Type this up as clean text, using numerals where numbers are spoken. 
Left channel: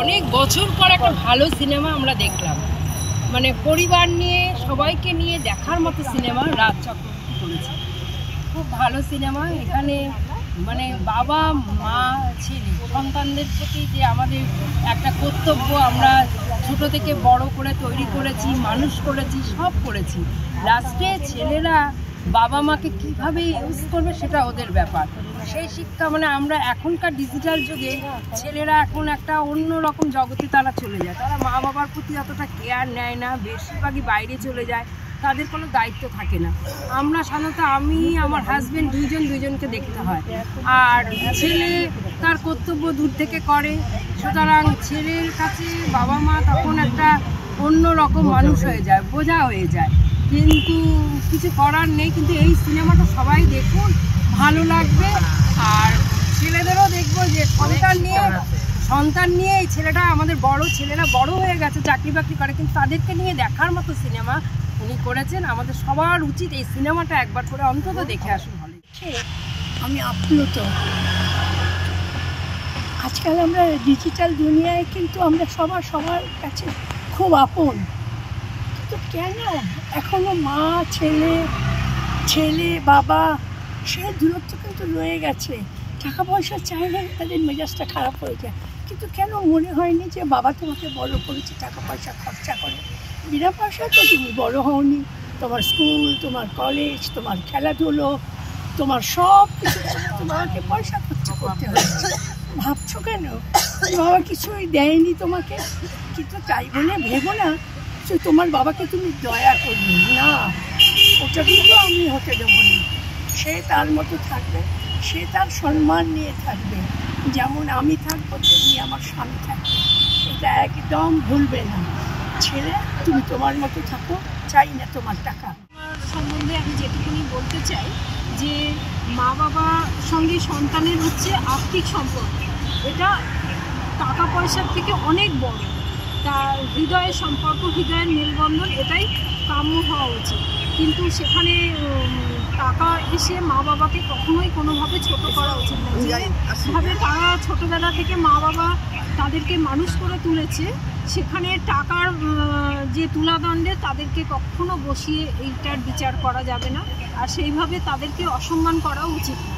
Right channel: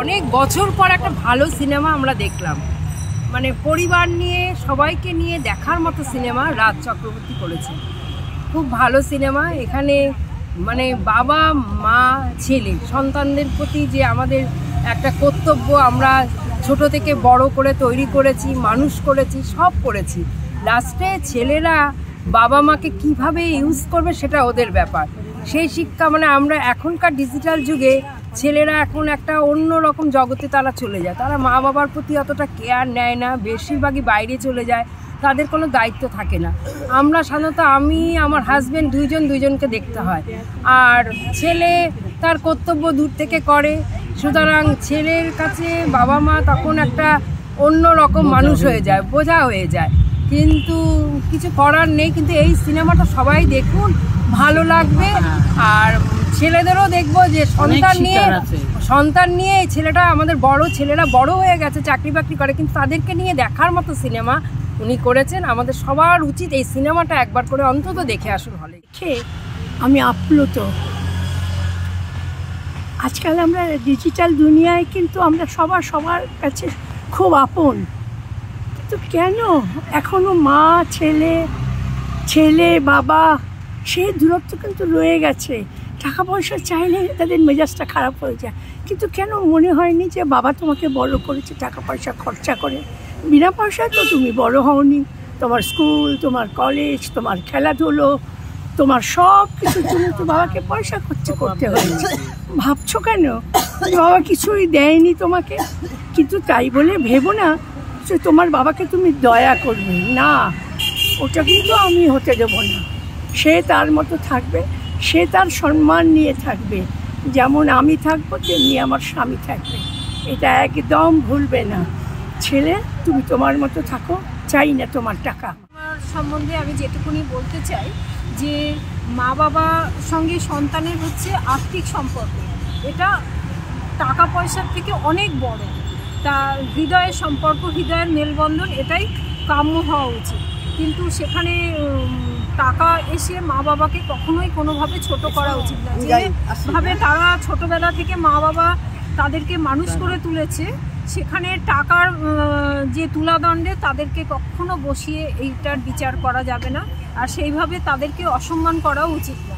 অনেক বছর পর একটা ভালো সিনেমা আমরা দেখলাম, মানে পরিবার নিয়ে সবাইকে নিয়ে দেখার মতো সিনেমা রাজ চক্রবর্তী করেছে। খুব ভালো সিনেমা। এখানে মানে বাবা মা ছেলে সন্তানদের প্রতি যে আমাদের একটা কর্তব্য, আমরা ছোট থেকে বড় করে তৈরি করেছি, মানুষ করেছি, সব করেছি। লাস্টে ছেলেরা বাবা মাকে কিভাবে ইউজ করবে সেটা ওদের ব্যাপার। সেই শিক্ষা মানে আমরা এখনকার ডিজিটাল যুগে ছেলেরা এখন একটা অন্য রকম জগতে তারা চলে যায়। তারা মা বাবার প্রতি অতটা কেয়ার নেয় না, বেশিরভাগই বাইরে চলে যায়, তাদের কোনো দায়িত্ব থাকে না। আমরা সাধারণত আমি আমার হাজব্যান্ড দুইজনকে দেখতে হয়, আর ছেলে তার কর্তব্য দূর থেকে করে। সুতরাং ছেলের কাছে বাবা মা তখন একটা অন্য রকম মানুষ হয়ে যায়, বোঝা হয়ে যায়, কিন্তু কিছু করার নেই। কিন্তু এই সিনেমাটা সবাই দেখুন, ভালো লাগবে। আর ছেলেদেরও দেখবো যে সন্তান নিয়ে এই ছেলেটা, আমাদের বড় ছেলেরা বড় হয়ে গেছে, চাকরি বাকরি করে, কিন্তু তাদেরকে নিয়ে দেখার মতো সিনেমা উনি করেছেন। আমাদের সবার উচিত এই সিনেমাটা একবার করে অন্তত দেখে আসুন হলে। আমি আপ্লুত। আজকাল আমরা ডিজিটাল দুনিয়ায় কিন্তু আমরা সবার কাছে খুব আপন, কিন্তু কেন এখনো মা ছেলে বাবা সে দূরত্ব কিন্তু রয়ে গেছে। টাকা পয়সা চাইলে তাদের মেজাজটা খারাপ হয়ে যায়, কিন্তু কেন মনে হয়নি যে বাবা তোমাকে বড় করেছে টাকা পয়সা খরচা করে? বিনা পয়সায় তো তুমি বড় হওনি। তোমার স্কুল, তোমার কলেজ, তোমার খেলাধুলো, তোমার সব কিছুর জন্য তো বাবাকে পয়সা খরচা করতে হয়েছে। ভাবছো কেন বাবা কিছুই দেয়নি তোমাকে? কিন্তু তাই বলে ভেবো না যে তোমার বাবাকে তুমি দয়া করবে না, ওটা কিন্তু আমি হতে দেবো না। সে তার মতো থাকবে, সে তার সম্মান নিয়ে থাকবে, যেমন আমি থাকবো তেমনি আমার স্বামী থাকবে, এটা একদম ভুলবে না। ছেলে তুমি তোমার মতো থাকো, চাই না তোমার টাকা। আমার সম্বন্ধে আমি যেটুকুনি বলতে চাই যে মা বাবার সঙ্গে সন্তানের হচ্ছে আর্থিক সম্পর্ক, এটা টাকা পয়সার থেকে অনেক বড়। তা হৃদয়ের সম্পর্ক, হৃদয়ের মেলবন্ধন, এটাই কাম্য হওয়া উচিত। কিন্তু সেখানে টাকা এসে মা বাবাকে কখনোই কোনোভাবে ছোট করা উচিত না। যেভাবে তারা ছোটোবেলা থেকে মা বাবা তাদেরকে মানুষ করে তুলেছে, সেখানে টাকার যে তুলাদণ্ডে তাদেরকে কখনো বসিয়ে এইটার বিচার করা যাবে না, আর সেইভাবে তাদেরকে অসম্মান করা উচিত না।